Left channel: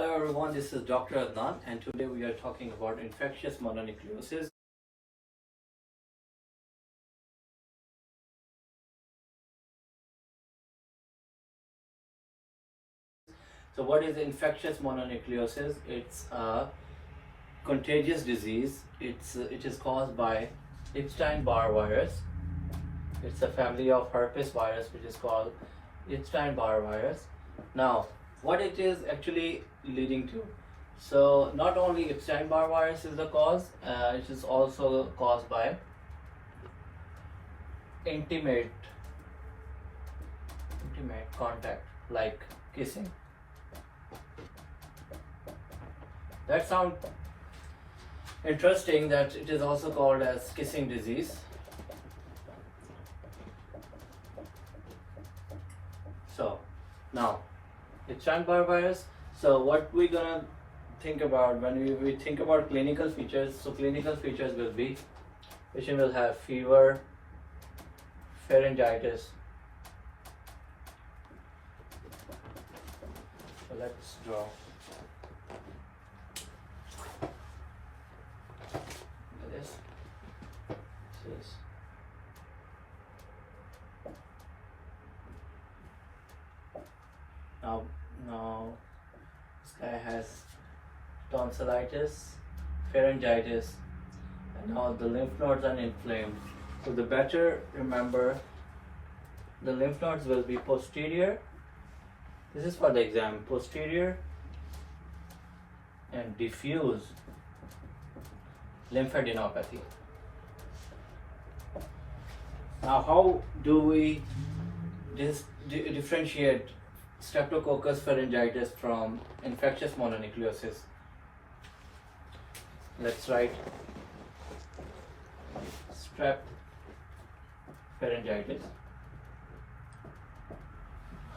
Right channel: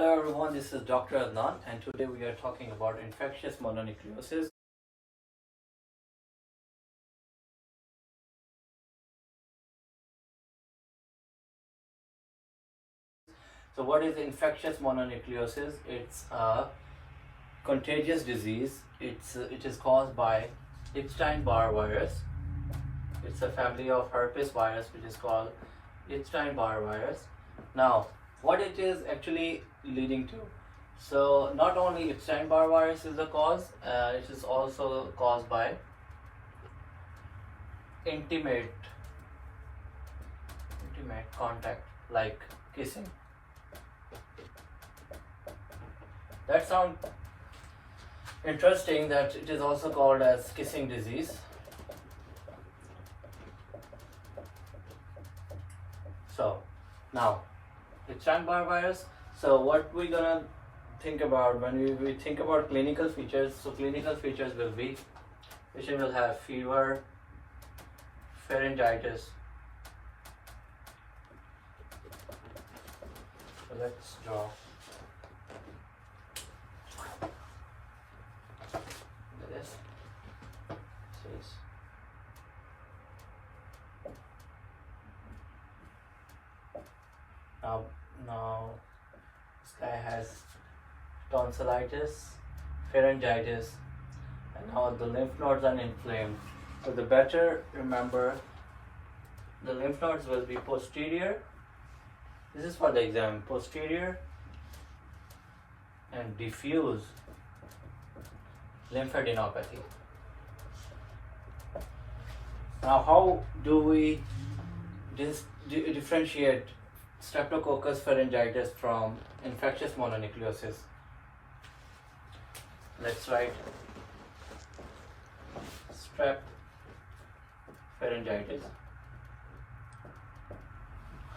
Hello everyone, this is Dr. Adnan and today we are talking about infectious mononucleosis. So what is infectious mononucleosis? It's a contagious disease. It is caused by Epstein-Barr virus. It's a family of herpes virus which is called Epstein-Barr virus. Now, what it is actually leading to? So not only Epstein-Barr virus is the cause, it is also caused by intimate contact like kissing. That sounds interesting that it is also called as kissing disease. So now Epstein-Barr virus. So what we're gonna think about when we think about clinical features. So clinical features will be patient will have fever, pharyngitis. So let's draw. This is now this guy has tonsillitis, pharyngitis, and now the lymph nodes are inflamed. So the better remember, the lymph nodes will be posterior. This is for the exam, posterior and diffuse lymphadenopathy. Now, how do we differentiate Streptococcus pharyngitis from infectious mononucleosis? Let's write strep pharyngitis.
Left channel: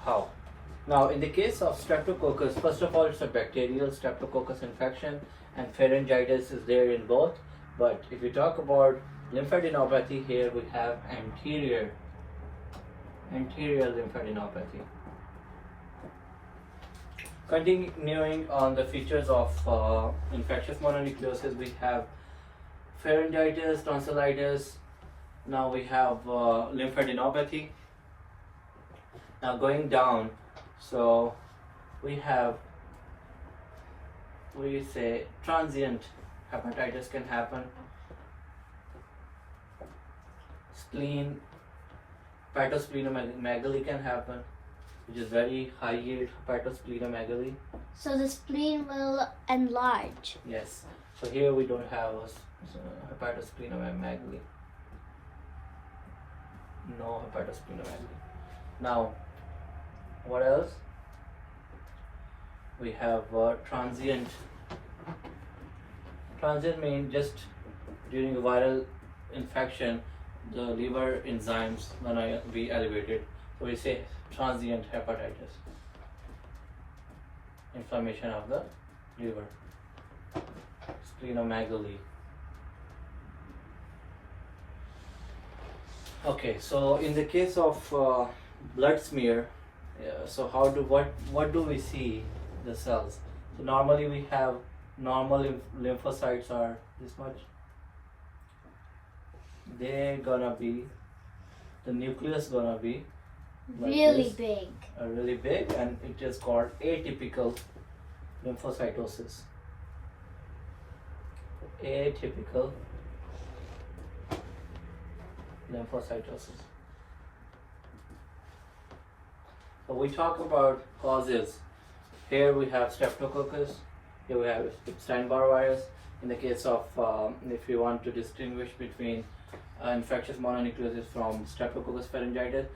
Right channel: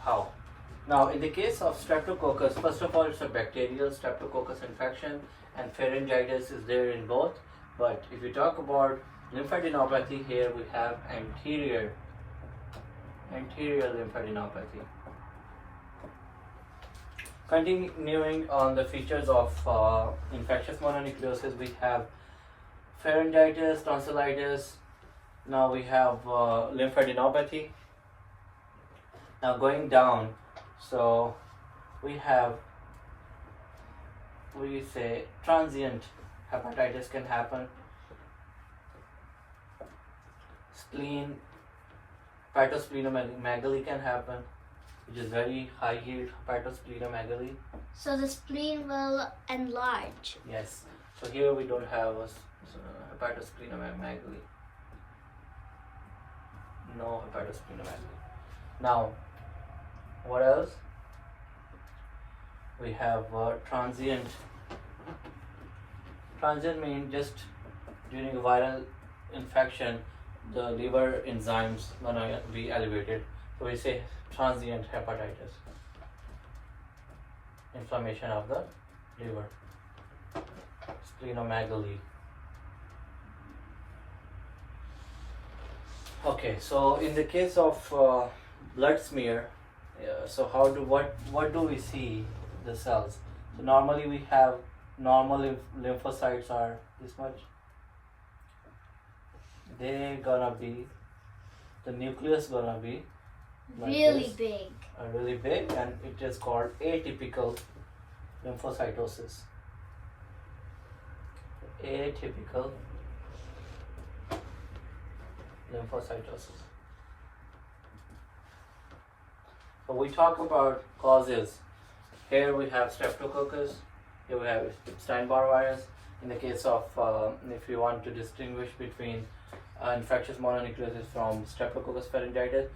How? Now, in the case of Streptococcus, first of all, it's a bacterial Streptococcus infection, and pharyngitis is there in both. But if we talk about lymphadenopathy, here we have anterior lymphadenopathy. Continuing on the features of infectious mononucleosis, we have pharyngitis, tonsillitis. Now we have lymphadenopathy. Now going down, so we say transient hepatitis can happen. Spleen, hepatosplenomegaly can happen, which is very high yield hepatosplenomegaly. So the spleen will enlarge. Yes. So here we don't have a hepatosplenomegaly. No hepatosplenomegaly. Now, what else? We have transient. Transient means just during a viral infection, the liver enzymes gonna be elevated. So we say transient hepatitis, inflammation of the liver, splenomegaly. Okay, so in the case of blood smear, so what do we see the cells? So normally we have normal lymphocytes are this much. They're gonna be, the nucleus gonna be like really this, big. really big, and it is called atypical lymphocytosis. Atypical lymphocytosis. So we talk about causes. Here we have Streptococcus. Here we have Epstein-Barr virus. In the case of, if you want to distinguish between infectious mononucleosis from Streptococcus pharyngitis,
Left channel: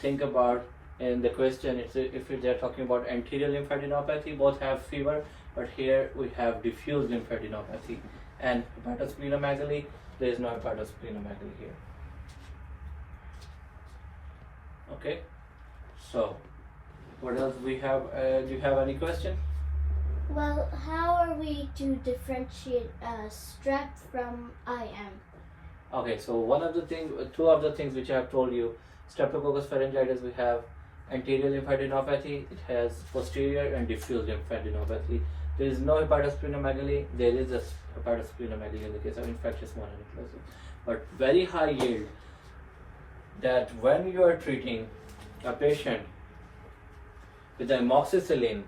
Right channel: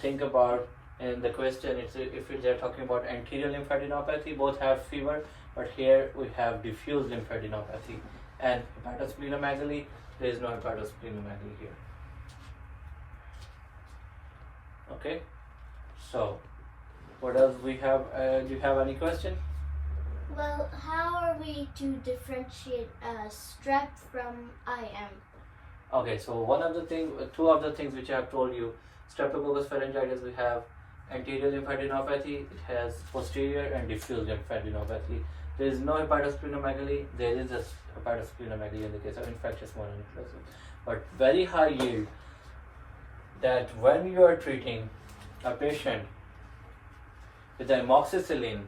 think about in the question, if they're talking about anterior lymphadenopathy, both have fever, but here we have diffuse lymphadenopathy. And hepatosplenomegaly, there is no hepatosplenomegaly here. Okay, so what else we have? Do you have any question? Well, how are we to differentiate strep from IM? Okay, so two of the things which I have told you, Streptococcus pharyngitis, we have anterior lymphadenopathy, it has posterior and diffuse lymphadenopathy. There is no hepatosplenomegaly, there is a hepatosplenomegaly in the case of infectious mononucleosis. But very high yield, that when you are treating a patient with amoxicillin,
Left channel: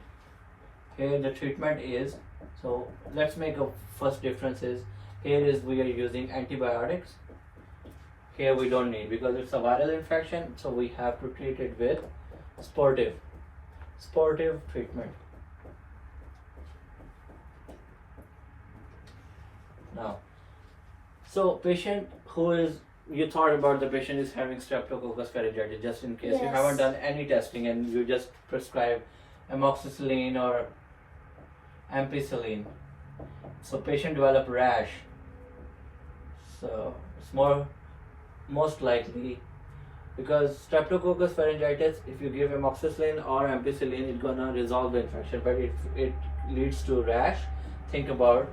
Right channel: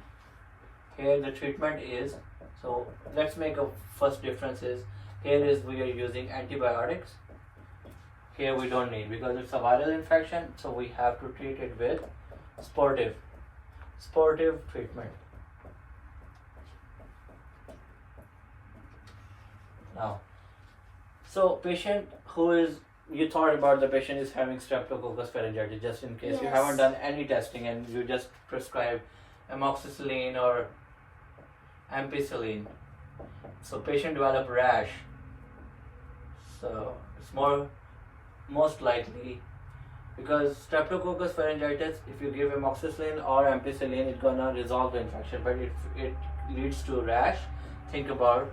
here the treatment is, so let's make a first difference is, here is we are using antibiotics, here we don't need because it's a viral infection, so we have to treat it with sportive treatment. Now, so patient who is, you thought about the patient is having Streptococcus pharyngitis, just in case you haven't done any testing and you just prescribe amoxicillin or ampicillin. So patient develop rash. So it's most likely because Streptococcus pharyngitis, if you give amoxicillin or ampicillin, it's gonna resolve the infection, but it leads to rash. Think about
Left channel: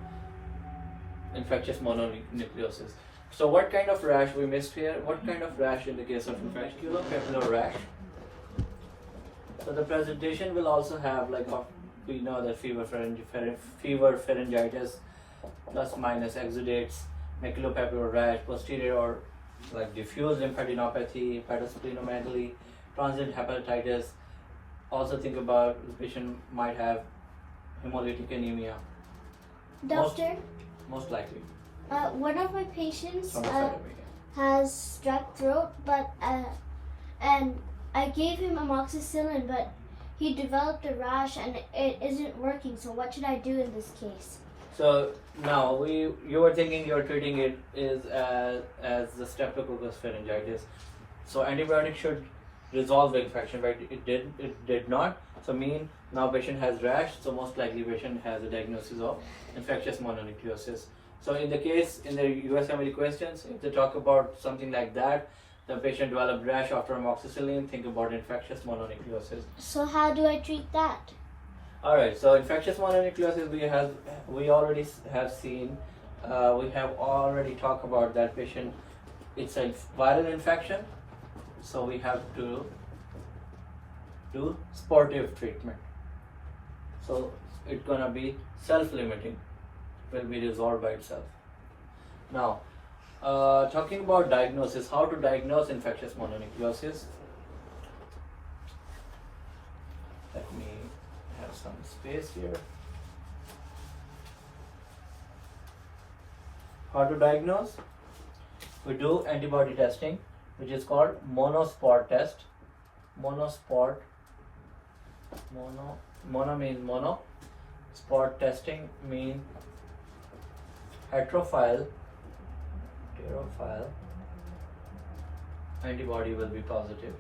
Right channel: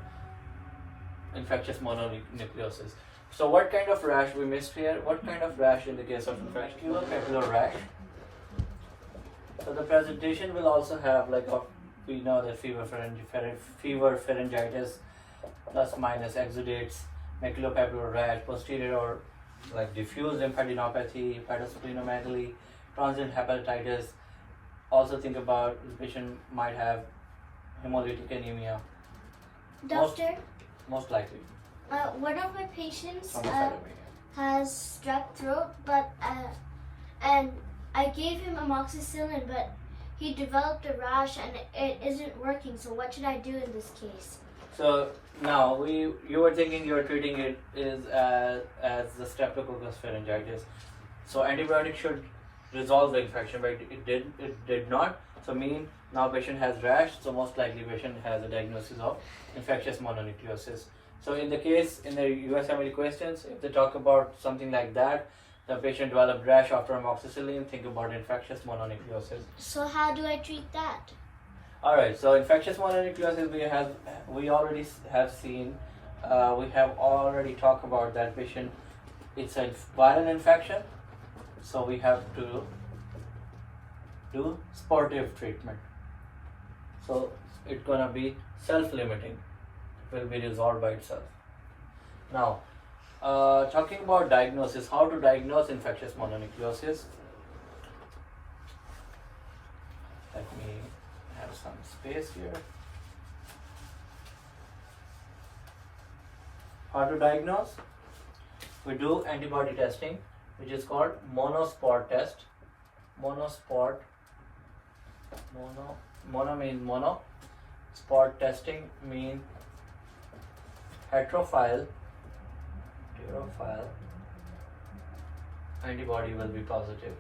infectious mononucleosis. So what kind of rash we missed here? What kind of rash in the case of maculopapular rash? So the presentation will also have, like we know that fever pharyngitis plus minus exudates, maculopapular rash, posterior or like diffuse lymphadenopathy, hepatosplenomegaly, transient hepatitis. Also think about the patient might have hemolytic anemia. Doctor? Most likely. One of my patients has strep throat, but and I gave him amoxicillin, but he developed a rash and it isn't working. So what should I do in this case? So now you were thinking you were treating it is as the Streptococcus pharyngitis. So antibiotic should resolve the infection, but it did not. So now patient has rash. So most likely patient has a diagnosis of infectious mononucleosis. So in the case, in the USMLE questions, if they talk about something like that, the patient developed rash after amoxicillin, think about infectious mononucleosis. So how do I treat that? Alright, so infectious mononucleosis we already have seen, we have already talked about that patient. It's a viral infection, so we have to do sportive treatment. So it's gonna be self-limiting, will be resolved by itself. Now, talking about diagnosis, how to diagnose infectious mononucleosis. Let me have some space here. How to diagnose? We do antibody testing, which is called monospot test. Monospot, mono means mono. Spot testing means heterophile antibody will be positive.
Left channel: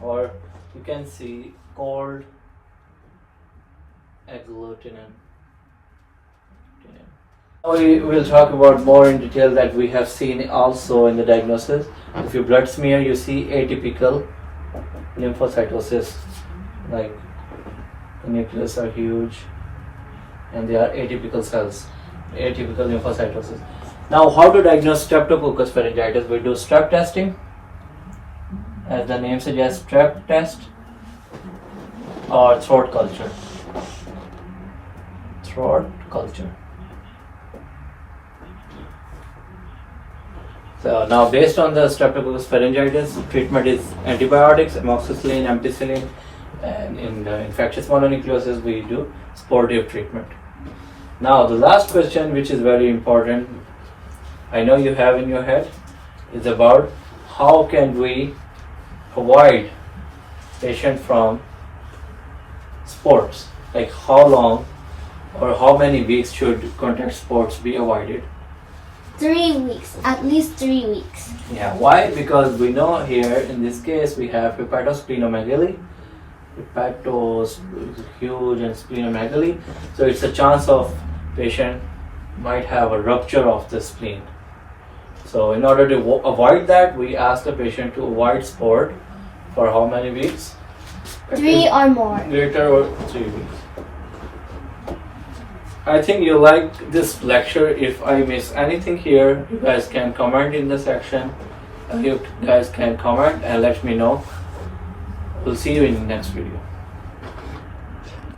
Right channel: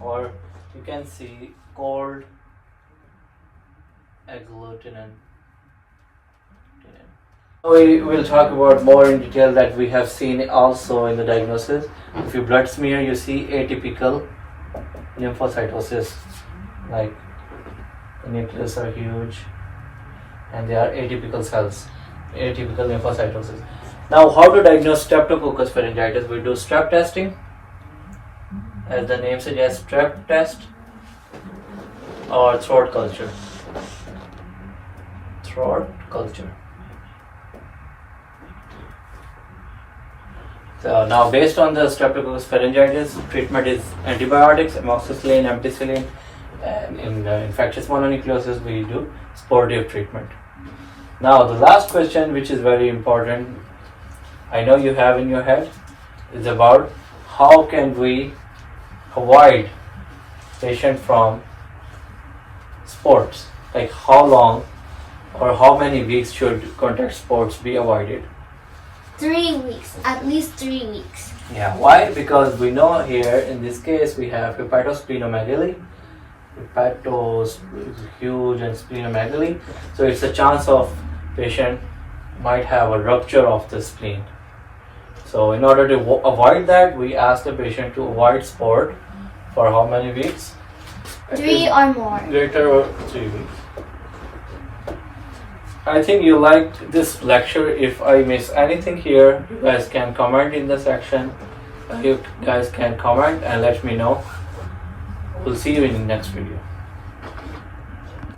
Or you can see cold agglutinin. We will talk about more in detail that we have seen also in the diagnosis. If you blood smear, you see atypical lymphocytosis, like the nucleus are huge and they are atypical cells, atypical lymphocytosis. Now, how to diagnose Streptococcus pharyngitis? We do strep testing, as the name suggests, strep test, or throat culture. Throat culture. So now, based on the Streptococcus pharyngitis, treatment is antibiotics, amoxicillin, ampicillin, and in infectious mononucleosis, we do sportive treatment. Now, the last question, which is very important, I know you have in your head, is about how can we avoid patient from sports, like how long or how many weeks should contact sports be avoided? 3 weeks, at least 3 weeks. Yeah, why? Because we know here in this case we have hepatosplenomegaly. Hepatos is huge and splenomegaly, so it's a chance of patient might have a rupture of the spleen. So in order to avoid that, we ask the patient to avoid sport for how many weeks? 3 or more. Greater or 3 weeks. I think you liked this lecture. If I miss anything here, you guys can comment in the section. You guys can comment and let me know. We'll see you in the next video.